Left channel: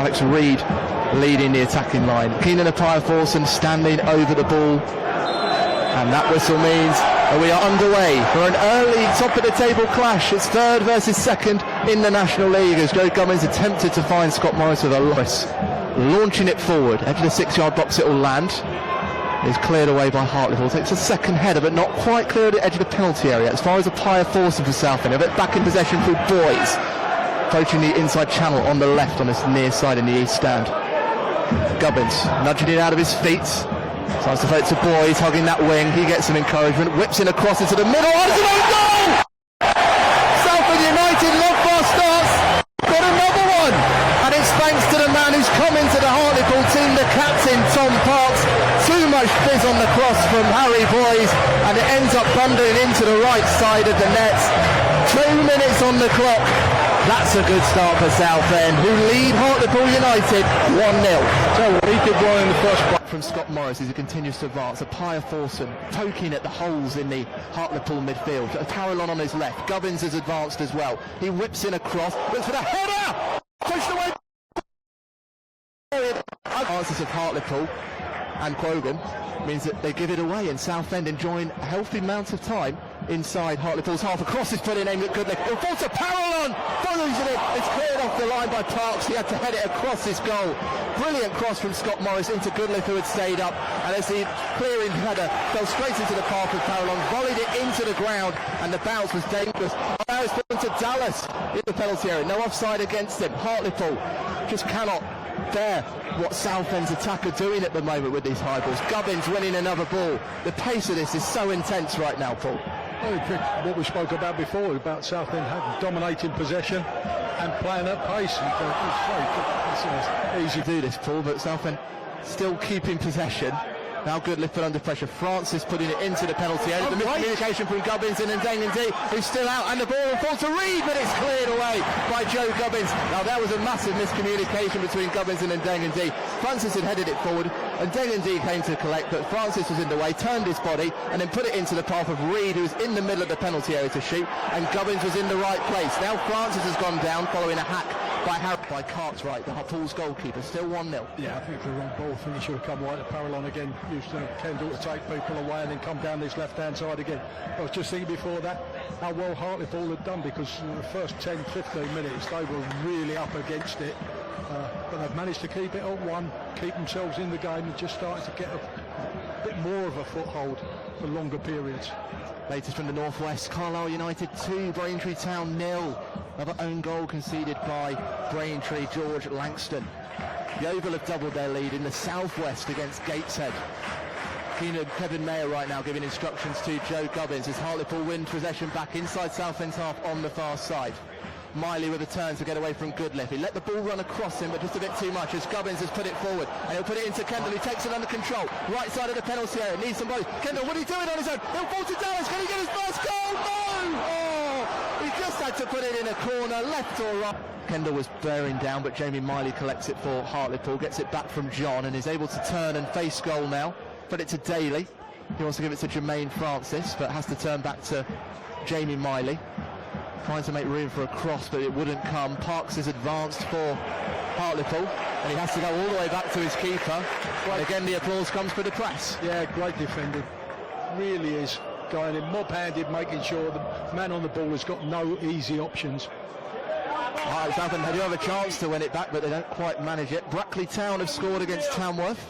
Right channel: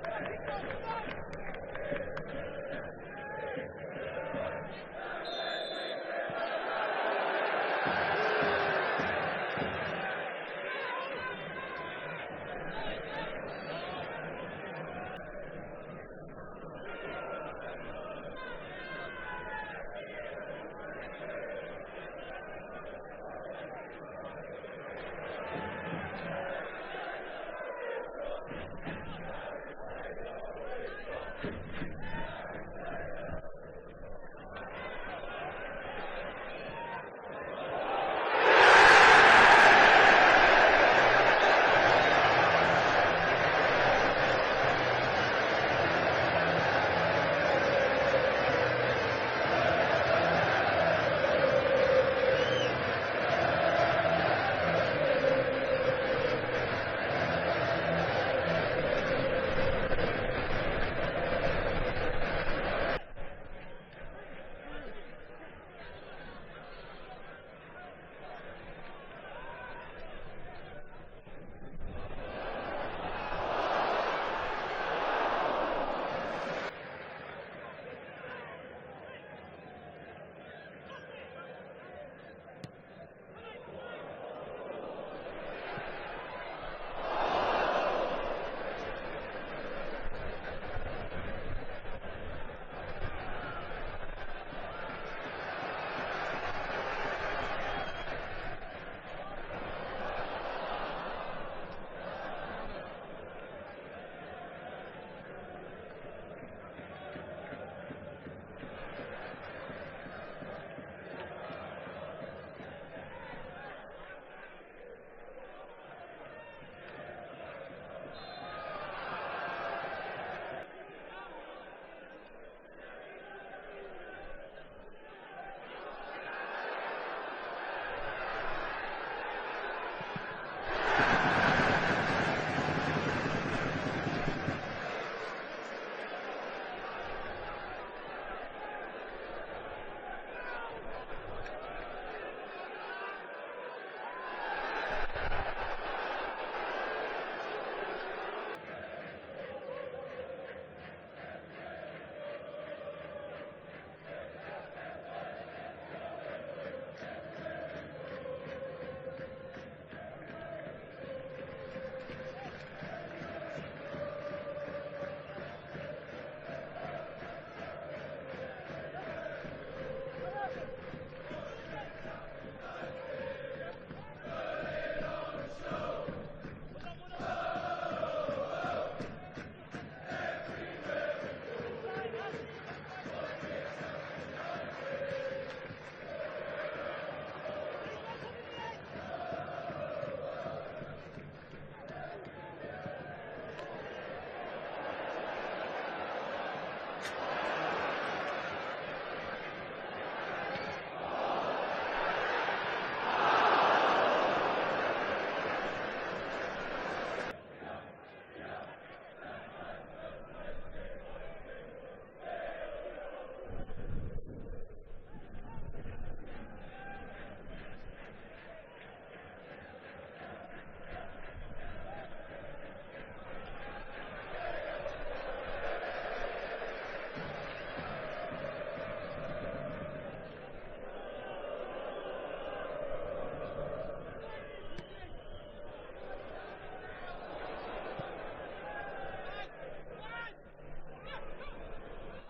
Alex Reid leading the attacking line. Keenan Appiah-Forson standing over the ball. And that whistle means that we are underway for an early top-of-the-table clash. It's third versus second in the National League as Joe Gubbins attempted to find Scott Morris with a loss. Launching it forward, edge of the 6-yard box it will land. Is cleared away by Hartlepool. Takes a second header, but not quite clear at the edge of the penalty area. As far as Appiah-Forson for Southend, a bit back in possession through Boys. Approaching the inside channel on the left on this near side in the east stand. Gubbins nudging it out of his feet. Starts to throw it to Boys, hugging that wing. He gets some encouragement, whips in across into the middle. Oh, it's an own goal! Southend United love fast starts. Got another one! And it's thanks to the man who's come into the Hartlepool team, the captain, Tom Parks. Too much fizz on the cross from Harry Boys, and it ends up thundering into the right side of the net. 2 minutes on the clock. That's a good start for Southend, who lead Hartlepool United 1-0. So he did well in the first part from Scott Morris as he continues to advance. Appiah-Forson poking at the holes in the Hartlepool midfield. Parallon on his left. Gubbins has advanced as well. He whips in a cross, looks for the header! Pushed away! Advances of Hartlepool and Quogan means that they give it away, and Southend enjoying a healthy amount of time inside Hartlepool's half. Across is put in aimed at Goodley. It falls to Parallon! Follows it. It's cleared off the line by Parks. He had to head it across his goal. Brilliant cross from Scott Morris into Goodley, who had stayed up. And as the clearing header fell straight into the path of Parallon, volleyed it into the ground, and the bounce was dangerous. Now it's put into Dallas in the penalty area. No offside against him. Hartlepool just cannot bear what Southend's attack are doing at the moment with these high balls. Gubbins winning another ball. The pace of this is so intense right now, Paul. What we spoke about before, about Southend dominating possession and playing at pace. It's easy to do this, Paul, but Southend still keeping possession. Now Goodley put under pressure. Francis putting it into the penalty area. The miscommunication from Gubbins and Ndengendi, who's still out, and the ball will fall to Reid, but it's cleared away by Joe Gubbins. Now there was a massive miscommunication between Gubbins and Ndengendi. Francis had headed it forward, and Ndengendi came to collect, but Francis was in the way, turned his body, and then put it into the path of Reid, who was in the middle of the penalty area to shoot, and Gubbins was in the right place. Now Francis has gone down following a hack by Cartwright, the Hartlepool's goalkeeper. Still 1-0. Yeah, I think it's the wrong ball. I think he should have come right at Parallon again. Used Kendall to take people away and then come down this left-hand side again. I was just thinking before that how well Hartlepool had done, because in the first 10-15 minutes they were really up against it. But they've managed to keep it on one, keep themselves in the game, and just started to get a bit more of a foothold for longer periods. Latest from the northwest, Carlisle United 2, Braintree Town 0. Another own goal conceded by Braintree, George Langston. The Oval have doubled their lead in the southwest against Gateshead. Kevin Mayer right now giving instructions to Joe Gubbins as Hartlepool win possession back inside Southend's half on the far side. Miley with a turn to get away from Goodley. He let the ball run across him, but just a bit too much as Gubbins has put it forward. And he'll put it into Kendall, who takes it under control. Right side of the penalty area, needs some blows. Kendall, what are you doing on his own? He'll fall to Dallas. Can he get his first goal? No! Oh! He just had to put it in a corner, left or right. Kendall was bearing down, but Jamie Miley collects it for Hartlepool, gets it back from John, and is able to turn and face goal now. Put it to Daly. He wants to give it to Jermaine Francis, but has to turn back to Jamie Miley. Trying to make room for a cross, but it wouldn't come. Parks is advanced for Hartlepool, and he has to go all the way back to his keeper. And again, the applause comes for the press. Yeah, great defending. Really is going in mob-handed, making sure the man on the ball has got no easy options. Southend do have a chance to win it back, but they don't quite manage it. Brackley Town have scored against Tamworth.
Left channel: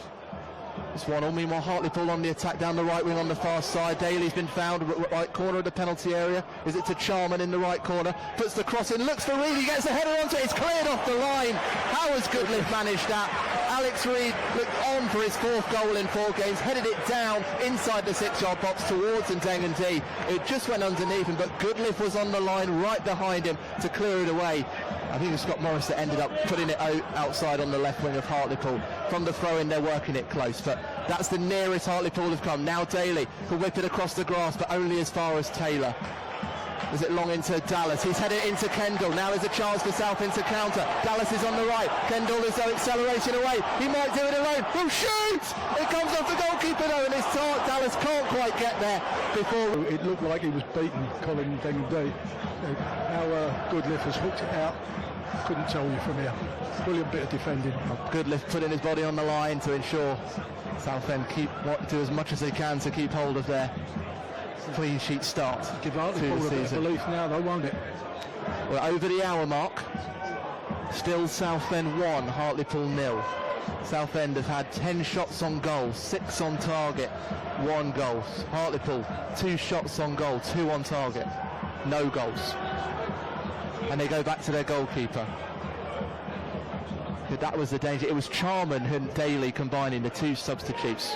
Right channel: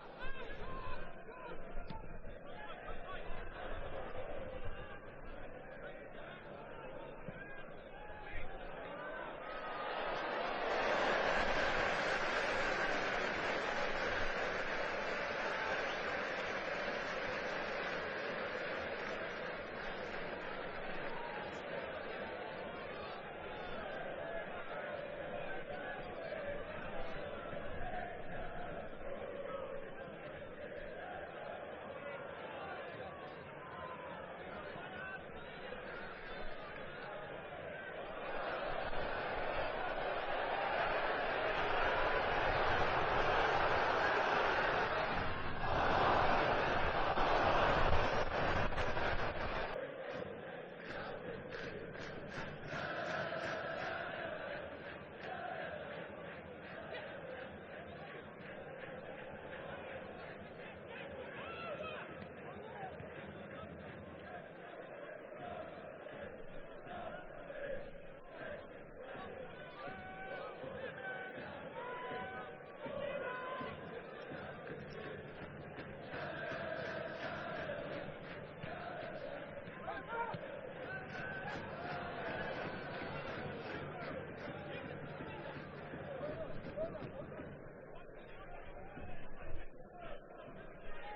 It's 1-1. Meanwhile, Hartlepool on the attack down the right wing on the far side. Daly's been found right corner of the penalty area. Is it to Charman in the right corner? Puts the cross in, looks for Reid. He gets the header onto it. It's cleared off the line. How has Goodley managed that? Alex Reid looked on for his 4th goal in 4 games, headed it down inside the 6-yard box towards Ndengendi. It just went underneath him, but Goodley was on the line right behind him to clear it away. I think it was Scott Morris that ended up putting it outside on the left wing of Hartlepool. From the throw-in, they're working it close, but that's the nearest Hartlepool have come. Now Daly will whip it across the grass, but only as far as Taylor. Is it long into Dallas? He's headed into Kendall. Now there's a chance for Southend to counter. Dallas is on the right. Kendall is accelerating away. He might do it alone. He'll shoot! It comes off the goalkeeper though, and it's taught. Dallas can't quite get there before. It looked like he was beaten, Colin Ndengendi. How Goodliffe has hooked it out. Couldn't tell you from here. Brilliant bit of defending. Goodliff putting his body on the line to ensure Southend do as much as they can to keep hold of their clean sheet start. Give Hartlepool a bit of belief now, though, won't it? We're over the hour mark. Still Southend 1, Hartlepool 0. Southend have had 10 shots on goal, 6 on target, 1 goal. Hartlepool, 2 shots on goal, 2 on target, no goals. And they go back to their goalkeeper. But that was the danger. It was Charman and Daly combining, the 2 substitutes.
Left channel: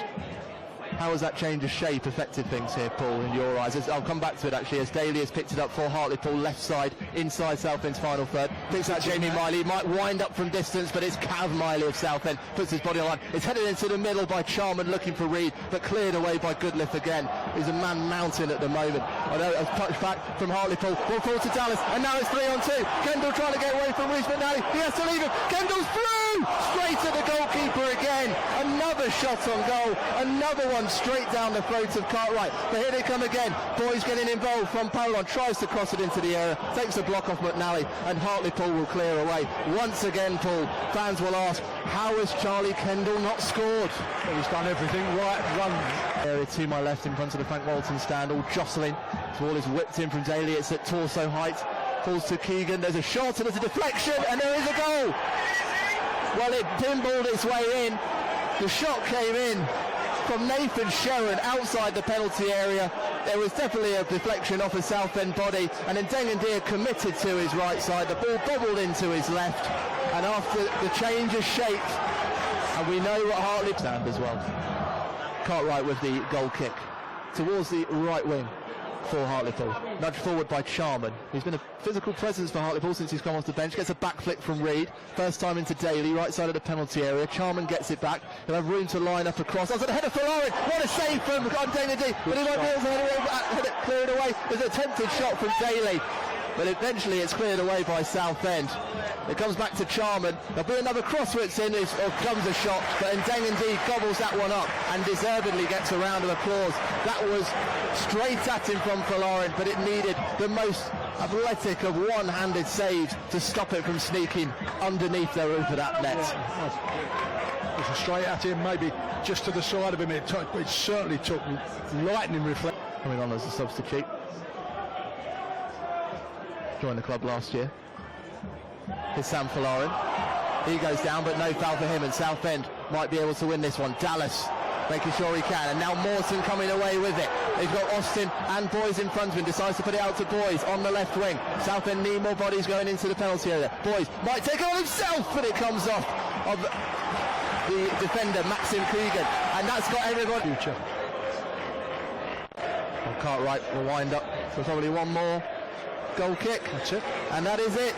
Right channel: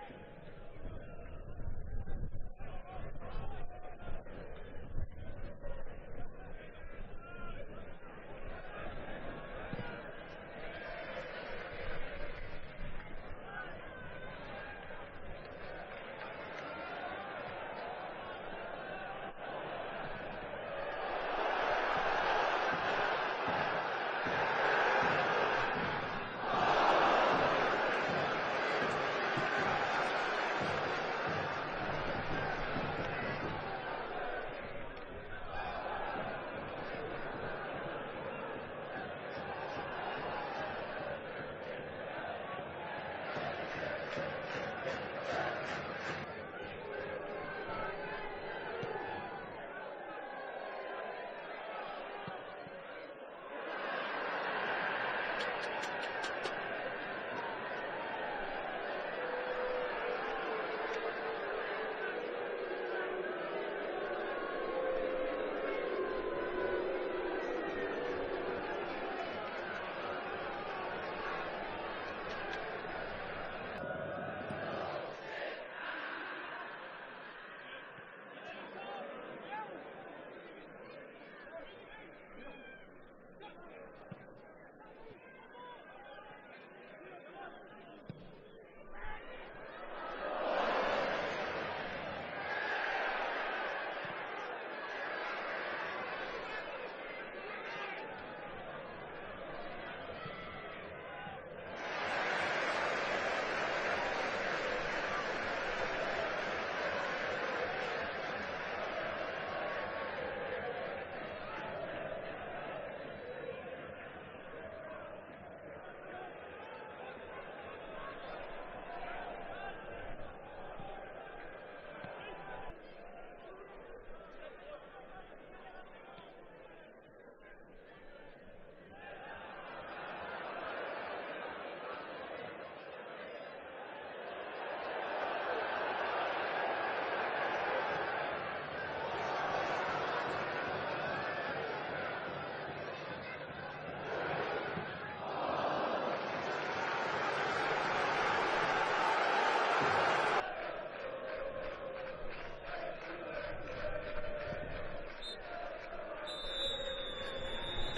How has that change of shape affected things here, Paul, in your eyes? I'll come back to it actually, as Daly has picked it up for Hartlepool, left side, inside Southend's final third. Picks out Jamie Miley, might wind up from distance, but it's Cav Miley of Southend, puts his body on line. It's headed into the middle by Charman, looking for Reed, but cleared away by Goodliff again. He's a man mountain at the moment. I know a touch back from Hartlepool, will fall to Dallas, and now it's 3-on-2. Kendall trying to get away from Reed, but now he has to leave it. Kendall's through! Straight to the goalkeeper again. Another shot on goal, another one straight down the throat of Cartwright. But here they come again. Boys getting involved from Poland, tries to cross it into the area, takes a block off McNally, and Hartlepool will clear away. Once again, Paul, fans will ask, how has Charlie Kendall not scored? Well, he's done everything right. One area to my left in front of the Frank Walton stand, all jostling. The ball is whipped in from Daly, it's at torso height. Falls to Keegan, there's a shot and there's a deflection, and there is a goal! Well, it pinballed its way in. The shot came in from Nathan Sherron outside the penalty area. There was definitely a deflection off a Southend body, and then Dengendeer committed to his right side. The ball bobbled into his left, and after the change of shape, and we know what Hartlepool stand as well. Cartwright with the goal kick towards the right wing for Hartlepool. Nudged forward by Charman, who's been a physical presence for Hartlepool since he's come off the bench. Gets a back flick from Reed. First time into Daly, right side of the penalty area. Charman gets it back. He'll have room to line up across. That's at the header for Lauren. What a save from Dengendeer. But he won't be able to head it cleared away. There's an attempted shot from Daly, but eventually it's cleared away by Southend. It comes back to Charman. There'll be another cross where it's in, or comes a shot, but Dengendeer gobbles that one up and deservedly gets a round of applause. That was straight at him from Folarin, but it needed the most athletic of one-handed saves to stop it from sneaking underneath the roof of that net. It was straight at him, maybe just to the side of him. It certainly took lightning reflex. Coming on as a substitute. Joined the club last year. Here's Sam Folarin. He goes down, but no foul for him, and Southend might be able to win this one. Dallas making sure he can, and now Morton coming away with it. They've got Austin and Boys in front of him, decides to put it out to Boys on the left wing. Southend need more bodies going into the penalty area. Boys might take it on himself, but it comes off of the defender, Maxim Cregan, and that's got everyone. Future. Cartwright will wind up for probably one more goal kick. That's it. And that is it.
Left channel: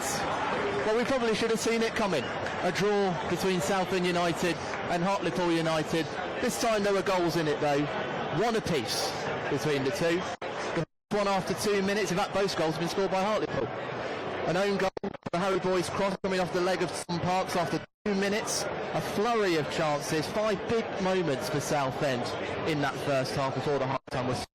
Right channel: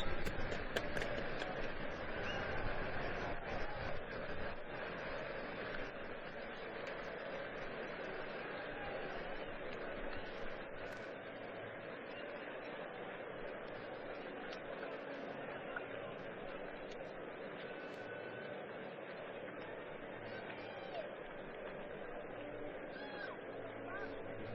Well, we probably should have seen it coming. A draw between Southend United and Hartlepool United. This time there were goals in it though. One apiece between the two. One after 2 minutes. In fact, both goals have been scored by Hartlepool. An own goal, the Harry Boys cross coming off the leg of Tom Parks after 2 minutes. A flurry of chances. 5 big moments for Southend in that first half before the half time was